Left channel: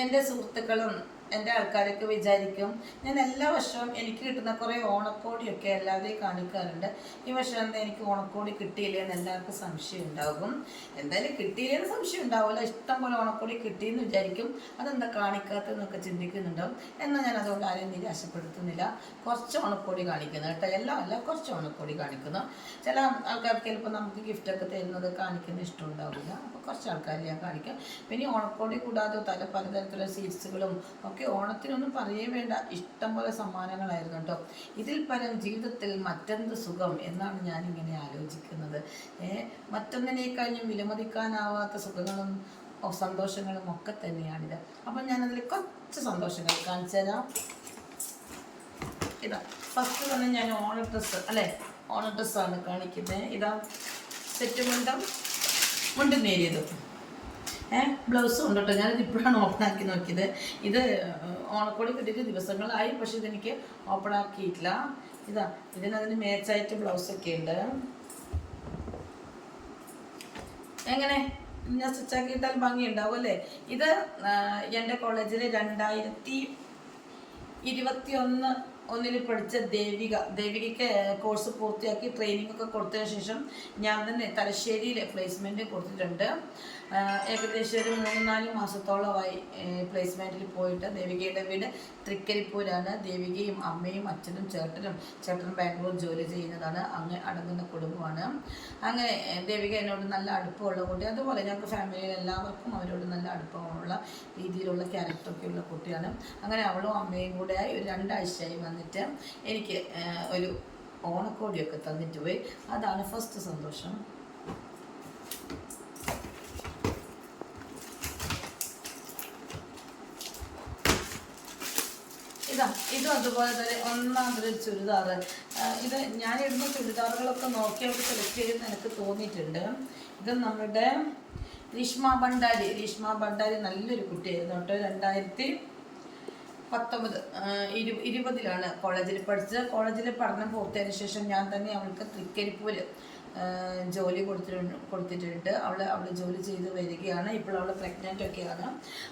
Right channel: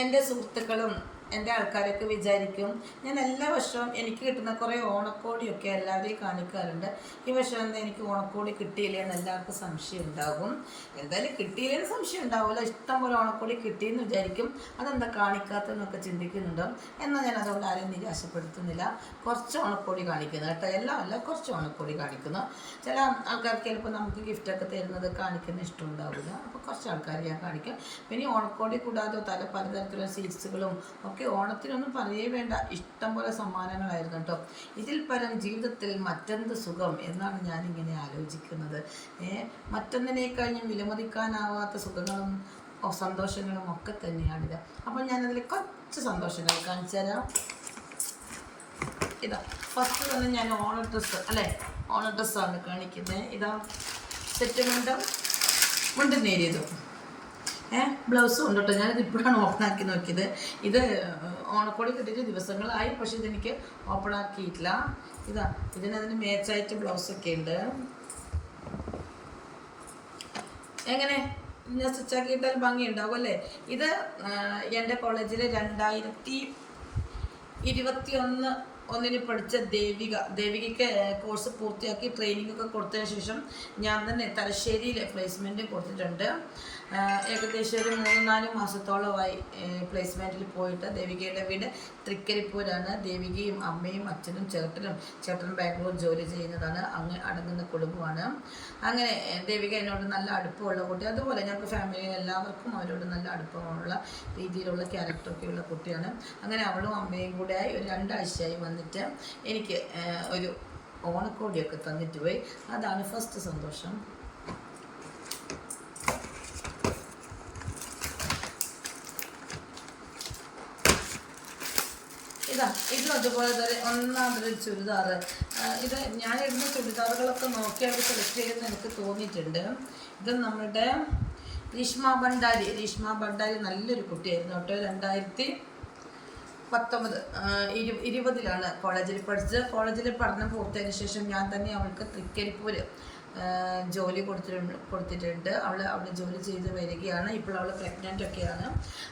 എന്റെ സുഹൃത്തുക്കളും എന്റെ ആൾക്കാരൊക്കെ വിചാരിക്കും ഞാൻ എല്ലാ വർഷവും എനിക്ക് കിട്ടുന്ന കുറേ ഓണക്കോടിയൊക്കെ എല്ലാവരെയും കാണിക്കാറുണ്ട്. ഈ വർഷം എന്താ എനിക്ക് ഓണക്കോടി കിട്ടിയില്ല എന്ന് എല്ലാവർക്കും സംശയം ഉണ്ടാകും. എന്തായാലും കിട്ടിയില്ലെന്ന് സംശയം ഉണ്ടാവില്ല ഇഷ്ടം പോലെ ഓണക്കോടി കിട്ടിയെന്ന് വിചാരിക്കും. അതെന്താ കാണിക്കാത്തതെന്നൊക്കെ ചിന്തിക്കുന്നുണ്ടോ? എന്നാൽ ഞാൻ അതുകൊണ്ട് ആരെയും നിരാശപ്പെടുത്തുന്നില്ല. കുറച്ച് ഓണക്കോടി കാണിക്കുന്നു കേട്ടോ. എല്ലാം അല്ല കുറച്ച് ഓണക്കോടി കാണിക്കുന്നു. ചില ആൾക്കാർക്ക് ചിലപ്പോൾ നമുക്ക് ഗിഫ്റ്റൊക്കെ തരുന്നത് കാണിക്കുന്ന ഇഷ്ടം ഉണ്ടാവില്ല. അപ്പോൾ കുറച്ച് ആൾക്കാർ ഞാൻ കാണിക്കും. പിന്നെ ഓണക്കോടി കൂടാതെ തല പലതരത്തിലുള്ള സീറ്റ്സുകളും ഒക്കെ ഓണത്തിനൊന്നും പറയേ വേണ്ട. ഇഷ്ടം പോലെ സമ്മാനങ്ങളായിരുന്നു കേട്ടോ. ഇതിൽ പരം ജീവിതത്തിൽ മറ്റെന്ത് സുഖം എന്നാണ് ഞാനിങ്ങനെ ആലോചിക്കുന്നത്. ഏ മറ്റൊന്നിനേക്കഴിഞ്ഞും വിലമതിക്കാനാവാത്ത സുഖങ്ങളും സന്തോഷങ്ങളും ഒക്കെ തന്നെയാണിത്. അപ്പം ഞാനതിൽ കുറച്ച് സന്തോഷങ്ങൾ കാണിച്ചു തരാം. ഇതാ ഫസ്റ്റ് തന്നെ ഞാൻ ഓണ ഡ്രസ്സ് അല്ലേ? ഓണ ഡ്രസ്സാണ് കാണിക്കുന്നത് ഇതാ സെറ്റ് മുണ്ടും മുണ്ട് നേരിയതും. ബ്ലൗസ് ഉണ്ട് കേട്ടോ. ഞാനിത് ഇപ്പോഴാണ് ഓപ്പൺ ആക്കി നോക്കിയത്. ഇത് ഓണക്കോടി കിട്ടിയിട്ട് ദിവസങ്ങളായി. പക്ഷെ ഇതെനിക്ക് ഓപ്പൺ ആക്കിയിട്ടില്ല. ഇതാ ഇതിനതിന് മേച്ചായിട്ട് ബ്ലൗസൊക്കെ ഉണ്ട്. എങ്ങനെ? ഞാൻ സ്റ്റിച്ച് ആക്കിയിട്ടാൽ ഭംഗി ഉണ്ടാവും അല്ലേ? ഇത് എന്റെ കോളേജിൽ രണ്ടായിരത്തി ഇരുപത്തി ഒന്ന് ഒന്നിന് പഠിച്ച ദേവിക. ദേവികയ്ക്ക് കോഴ്സ് പൂർത്തിയാക്കി ട്രെയിനിങ് ഒക്കെ കൊടുത്തതിന് ശേഷം ഞാൻ തന്നെ തലശ്ശേരിയിൽ പ്ലേസ്മെന്റ് കൊടുത്തിട്ടുണ്ട്. ഏകദേശം ഒരു മൂന്ന് നാല് മാസത്തോളമായി പ്ലേസ്മെന്റിൽ പോയിട്ട് ദേവികയുടെ വീട് തൃക്കരിപ്പൂരാണ്. ദേവികയും അമ്മയും അച്ഛനും ചേട്ടനും ചേട്ടൻ ബാംഗ്ലൂർ ജോലി ചെയ്യുന്നതാണ്. അങ്ങ് അടങ്ങുന്ന കുടുംബമാണ്. അങ്ങനെ ദേവിക എന്നോട് നല്ല അടുപ്പമുള്ള കുട്ടി. അതുപോലെ ഞങ്ങൾക്ക് ഫാമിലിയിൽ എല്ലാവർക്കും അവരോട് നല്ല അടുപ്പമുള്ള രീതിയിലുള്ള ക്യാരക്ടറൊക്കെയുള്ള കുട്ടിയാണ്. അങ്ങനെ അവളും അമ്മയും കൂടെയായി ഒരു രണ്ടാഴ്ചയായി വന്നിട്ട് എനിക്ക് ഒരു ഓണക്കോടിയൊക്കെ തന്നിട്ട് പോയി. അതാണ് ഫസ്റ്റ് സന്തോഷം. ഇതാ ഇതും അതുപോലെ തന്നെ ഒന്നാമതൊരു ചുരിദാർ ഇത് ഞാൻ ഇടുന്ന ചുരിദാറുകളൊക്കെ നോക്കി അവർ സെലക്ട് ചെയ്തെന്ന് എനിക്ക് തോന്നിയിട്ടുണ്ട്. ഇത് നമ്മുടെ രീഷ്മ ഭണ്ഡാരി. രീഷ്മ ഭണ്ഡാരി നല്ലൊരു കുട്ടിയായിരുന്നു കേട്ടോ. രണ്ടായിരത്തി പത്തൊമ്പത് ഇരു ഇരുപതിലാണ് കോളേജിൽ പഠിച്ചത് കോളേജിൽ പഠനം പൂർത്തിയായതിനു ശേഷം ഞാൻ തന്നെ അവൾക്ക് തൃക്കരിപ്പൂര് ജോലി കൊടുത്തിട്ടുണ്ട് കൊടുത്തിട്ടുണ്ട്. അവൾ അവിടെ ജോലി ചെയ്ത് വരികയാണ്. ഇപ്പോൾ അവൾ പ്രഗ്നന്റ് ഒക്കെയാണ്.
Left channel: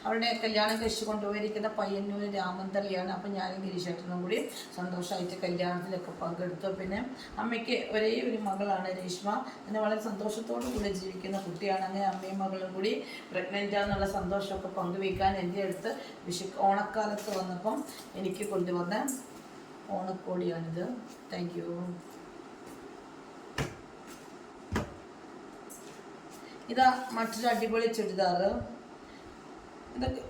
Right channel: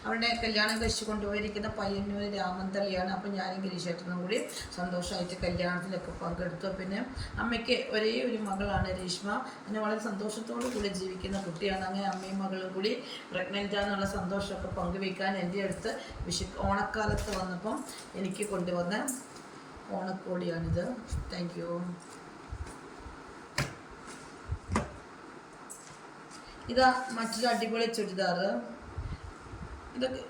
അവളുടെ കല്യാണം കഴിച്ച് കൊണ്ടുപോയിരിക്കുന്ന പയ്യന്നൂർ രാമന്തളിയാണ് അപ്പോൾ ഞാനും ഗിരീഷേട്ടനും കൂടി സന്തോഷമായിട്ട് കല്യാണത്തിലൊക്കെ പങ്കെടുത്തു. പിന്നെ അമ്മയ്ക്ക് ഒരേ ഒരു മകളാണ് രേഷ്മ. അങ്ങനെ വളരെ സന്തോഷത്തോടു കൂടി ജീവിക്കുന്ന കുട്ടിയാണ്. അങ്ങനെ അമ്മയും മകളും കൂടി പ്രഗ്നന്റ് ആണെന്നുള്ള സന്തോഷമൊക്കെ പങ്കുവയ്ക്കാൻ എന്റെ അടുത്ത് വിഷു ഓണക്കാലത്ത് വന്നപ്പം എനിക്ക് കൊണ്ടുവന്ന ഓണക്കോടിയാണിത്. താങ്ക് യു ഇതാ മറ്റൊരു അടിപൊളി ചുരിദാർ ഇതൊക്കെ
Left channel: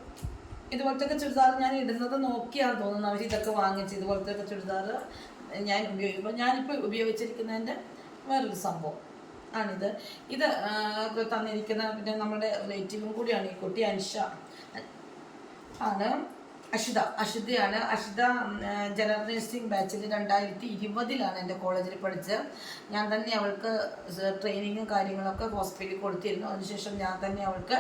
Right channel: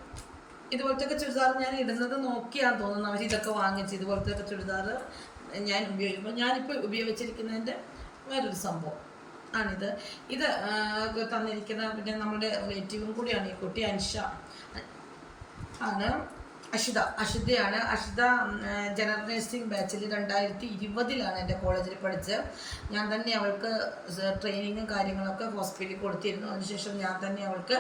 ഇതുപോലത്തെ ചുരിദാർ ഞാൻ ഇടുന്നത് നോക്കിയാന്ന് തോന്നുന്നു. അവർ ഇതൊക്കെ വാങ്ങിച്ച് ഇതുപോലത്തെ ചുരിദാർ ഞാൻ ഉപയോഗിക്കുമ്പോൾ ഞാനിപ്പോൾ ഉപയോഗിച്ചിരിക്കുന്നതിന്റെ വേറൊരു സംഭവം ആണിത്. ഇത് തന്നിരിക്കുന്ന പിന്നെ നമ്മുടെ റിലേറ്റീവും കൂടിയാണ് ഈ കുട്ടി അൻഷ. ആണ്. അഷിത അഷിതയാണ് അഷിത ജനറൽ നഴ്സിംഗ് ബാച്ചിൽ രണ്ടായിരത്തി ഇരുപതിലാണ് എന്റെ കോളേജിൽ പഠിച്ചത്. ഞാൻ തന്നെ അവൾക്ക് ട്രെയിനിങ്ങും കാര്യങ്ങളൊക്കെ ഹോസ്പിറ്റലിൽ കൊടുത്തിരുന്നു. അതിനുശേഷം ഞാൻ തന്നെ അവൾക്ക്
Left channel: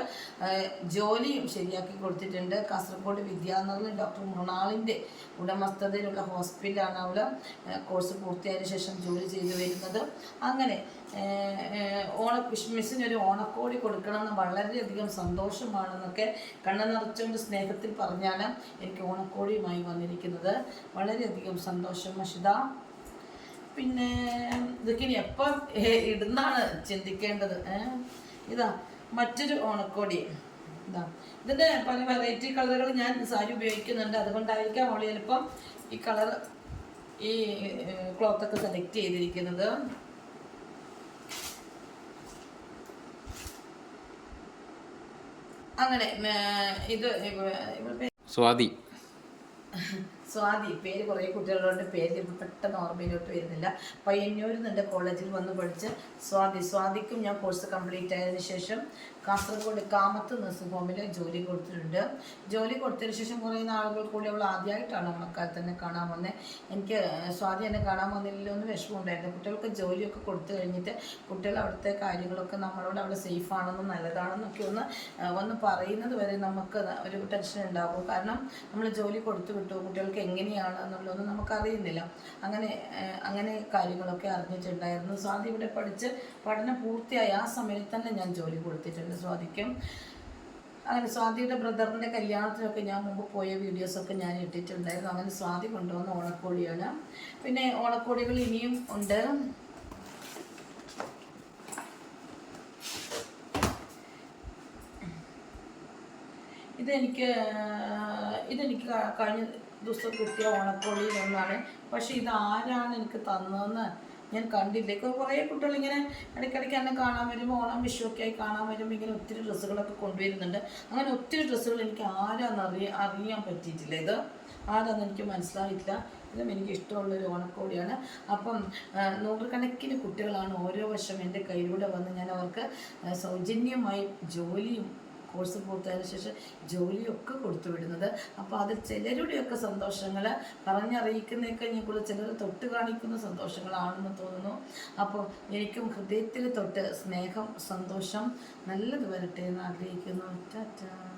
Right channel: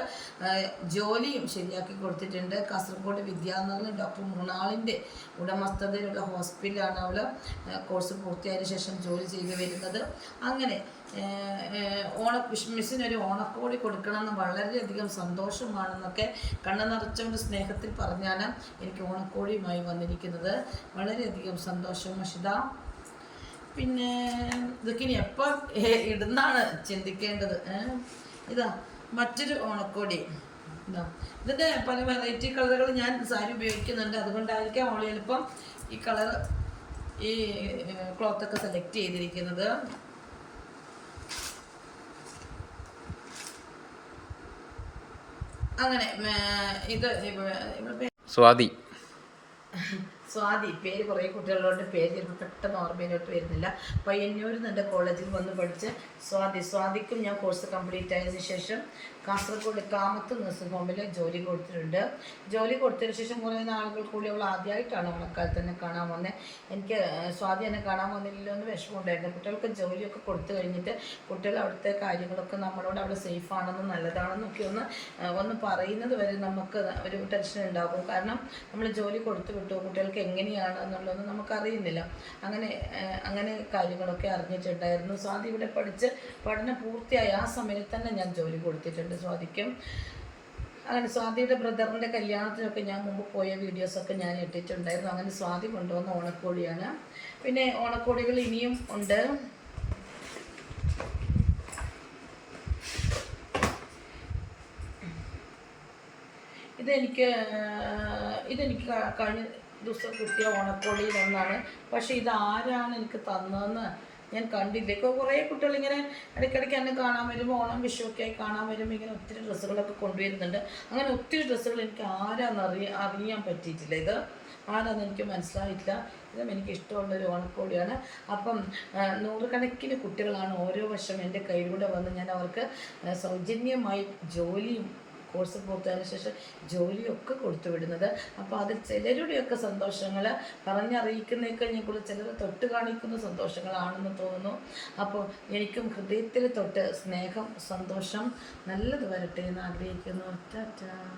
ജോലിയും ശരിയാക്കി കൊടുത്തിട്ടുണ്ട്. കാസർഗോഡ് വിദ്യാനഗറിൽ ഡോക്ടർ മൃണാളിന്റെ ഉടമസ്ഥതയിലുള്ള ഹോസ്പിറ്റലാണ് അവൾ കോഴ്സ് പൂർത്തിയായതിനു ശേഷം ജോലി ചെയ്തു വരുന്നത്. അങ്ങനെ ഓണ മിസ്സിനൊരു ഓണക്കോടി കൊടുക്കണമെന്ന് വളരെയധികം സന്തോഷമാണെന്നൊക്കെ കണ്ണു നിറച്ചുകൊണ്ട് സ്നേഹത്തിൽ പറഞ്ഞാണ് എനിക്ക് ഓണക്കോടിയുമായി വന്നിരിക്കുന്നത്. വളരെയധികം സന്തോഷം മഷിത പിന്നെ ഇതൊക്കെ ഇനി എപ്പോൾ ഇടുന്നാണ് ചിന്തിക്കേണ്ടത് ഇതാ മറ്റൊരു ഓണക്കോടി. ഇതാ ഇതിന്റെ പല വെറൈറ്റി കളറുകൾ ഞാൻ സാരി ഉപയോഗിക്കുന്നുണ്ട്. അതുകൊണ്ടായിരിക്കാം ഓളി ചിലപ്പം ഈ കളർ ഈ ക്ലോത്തൊക്കെ സെലക്ട് ചെയ്തിരിക്കുന്നത്. അങ്ങനെ ഇത് സ്വാതി. സ്വാതി പേര് കുറേ കുട്ടികളുടെ പേര് ചിലപ്പോൾ പെട്ടെന്ന് ഓർമ്മയിലോട്ട് വരുന്നില്ല. പയ്യന്നൂരിൽ നിന്ന് കോളേജിൽ വന്ന് പഠിച്ച് സ്വാതി. സ്വാതിക്കും ഞാൻ കോഴ്സ് കംപ്ലീറ്റ് ആയതിനു ശേഷം കാസർഗോഡ് കാമത്ത് നഴ്സിംഗ് ഹോമിൽ ജോലി കൊടുത്തിട്ടുണ്ട്. ജോലി കൊടുത്തതിന് ശേഷം കുറേ നാളുകൾ കൂടി അവൾ ആദ്യമായിട്ടാണ് ഓണക്കാലത്ത് തന്നെ കാണാൻ വന്നത് എനിക്ക് സ്വാതി എന്നെ കാണാൻ വന്നില്ലല്ലോ എന്ന് വിഷമമുണ്ടായിരുന്നു. കുട്ടികൾക്ക് ജോലിയൊക്കെ കൊടുത്തു കഴിഞ്ഞിട്ട് കുട്ടികൾ അവിടുത്തെ കാര്യങ്ങളൊക്കെ നമ്മളോട് അവൾ സേഫ് ആണെന്നും നല്ലതാണെന്നൊക്കെ ഒന്ന് ഒന്ന് പറയുന്നത് വരെ നമുക്ക് ഒരു ടെൻഷൻ ഉണ്ടാകും. കാരണം നമ്മൾ ജോലി കൊടുത്തു വിട്ടു കുട്ടികൾക്ക് എങ്ങനെയാണ് എന്നുള്ളതൊന്നും നമുക്കറിയുന്നില്ല. അങ്ങനെ അങ്ങനെ കാര്യങ്ങളൊക്കെ അറിഞ്ഞിട്ടുണ്ടായിരുന്നു. സ്വാതി ഇവിടെ പഠിച്ച് പഠനം പൂർത്തിയായി. ആ സമയത്ത് തന്നെ ഞാൻ ജോലി കൊടുത്തിട്ടുണ്ട് സ്വാതിക്കും. അങ്ങനെ സ്വാതിയുടെ ബ്രദറിന്റെ കല്യാണത്തിനൊക്കെ ഞാൻ മുമ്പ് പോയ വീഡിയോസൊക്കെ ഞാൻ ഇട്ടിട്ടുണ്ടായിരുന്നു. അങ്ങനെ സ്വാതി കൊണ്ടുവന്ന ഓണക്കോടിയാണ്. പിന്നെ ഓണക്കോടികൾ ഇനിയും ഉണ്ട്. ഇതെനിക്ക് ഇതെനിക്ക് കഴിഞ്ഞ ദിവസം കിട്ടിയ ഓണക്കോളിയിൽ ഒന്നാണ് പക്ഷെ ഇത് ആരാണ് എനിക്ക് തന്നതെന്ന് ഞാൻ കണ്ടില്ല. ഇപ്പോൾ കുറേ കുട്ടികൾ ഇങ്ങനെ ഇടയ്ക്കിടയ്ക്ക് എന്നെ കാണാൻ വരുമ്പോൾ ഓണം വിഷുവൊക്കെ ആയി കാണാൻ വരുമ്പോൾ ഇങ്ങനെ ഒത്തിരി ഡ്രസ്സുകളൊക്കെ കൊണ്ടുവരുന്നുണ്ട്. അങ്ങനെ ഒത്തിരി ഡ്രസ്സുകൾ എനിക്ക് ആരാന്ന് അറിയ അറിയാൻ പറ്റിയിട്ടില്ല. ഇത് ആരാന്ന് എനിക്ക് മനസ്സിലായിട്ടില്ല. ഇതും എനിക്ക് ഇഷ്ടമുള്ളൊരു ഓണക്കോടിയാണ്. അപ്പം നൂറുകണക്കിന് കുട്ടികളാണ് ഓരോ വർഷം എന്റെ കയ്യിലൂടെ വന്ന് ഞാൻ അവർക്ക് സൗജന്യമായി ജോലിയും കോഴ്സ് പൂർത്തിയായതിനു ശേഷം ജോലിയൊക്കെ കൊടുത്തു വിടുന്നത്. അപ്പോൾ അത് ചിലരുടെയൊക്കെ സന്തോഷങ്ങൾ പറഞ്ഞറിയിക്കുന്നതിനേക്കാൾ കൂടുതൽ ചിലർ തൊട്ട് കാണിക്കുന്ന സന്തോഷങ്ങളാണെന്ന് തോന്നുന്നു. അപ്പോൾ എനിക്കും ഹൃദയത്തിൽ തൊട്ട് സ്നേഹം സന്തോഷം നല്ലത് വരട്ടെ എന്ന് ആഗ്രഹിക്കുന്നു. ടാറ്റാ.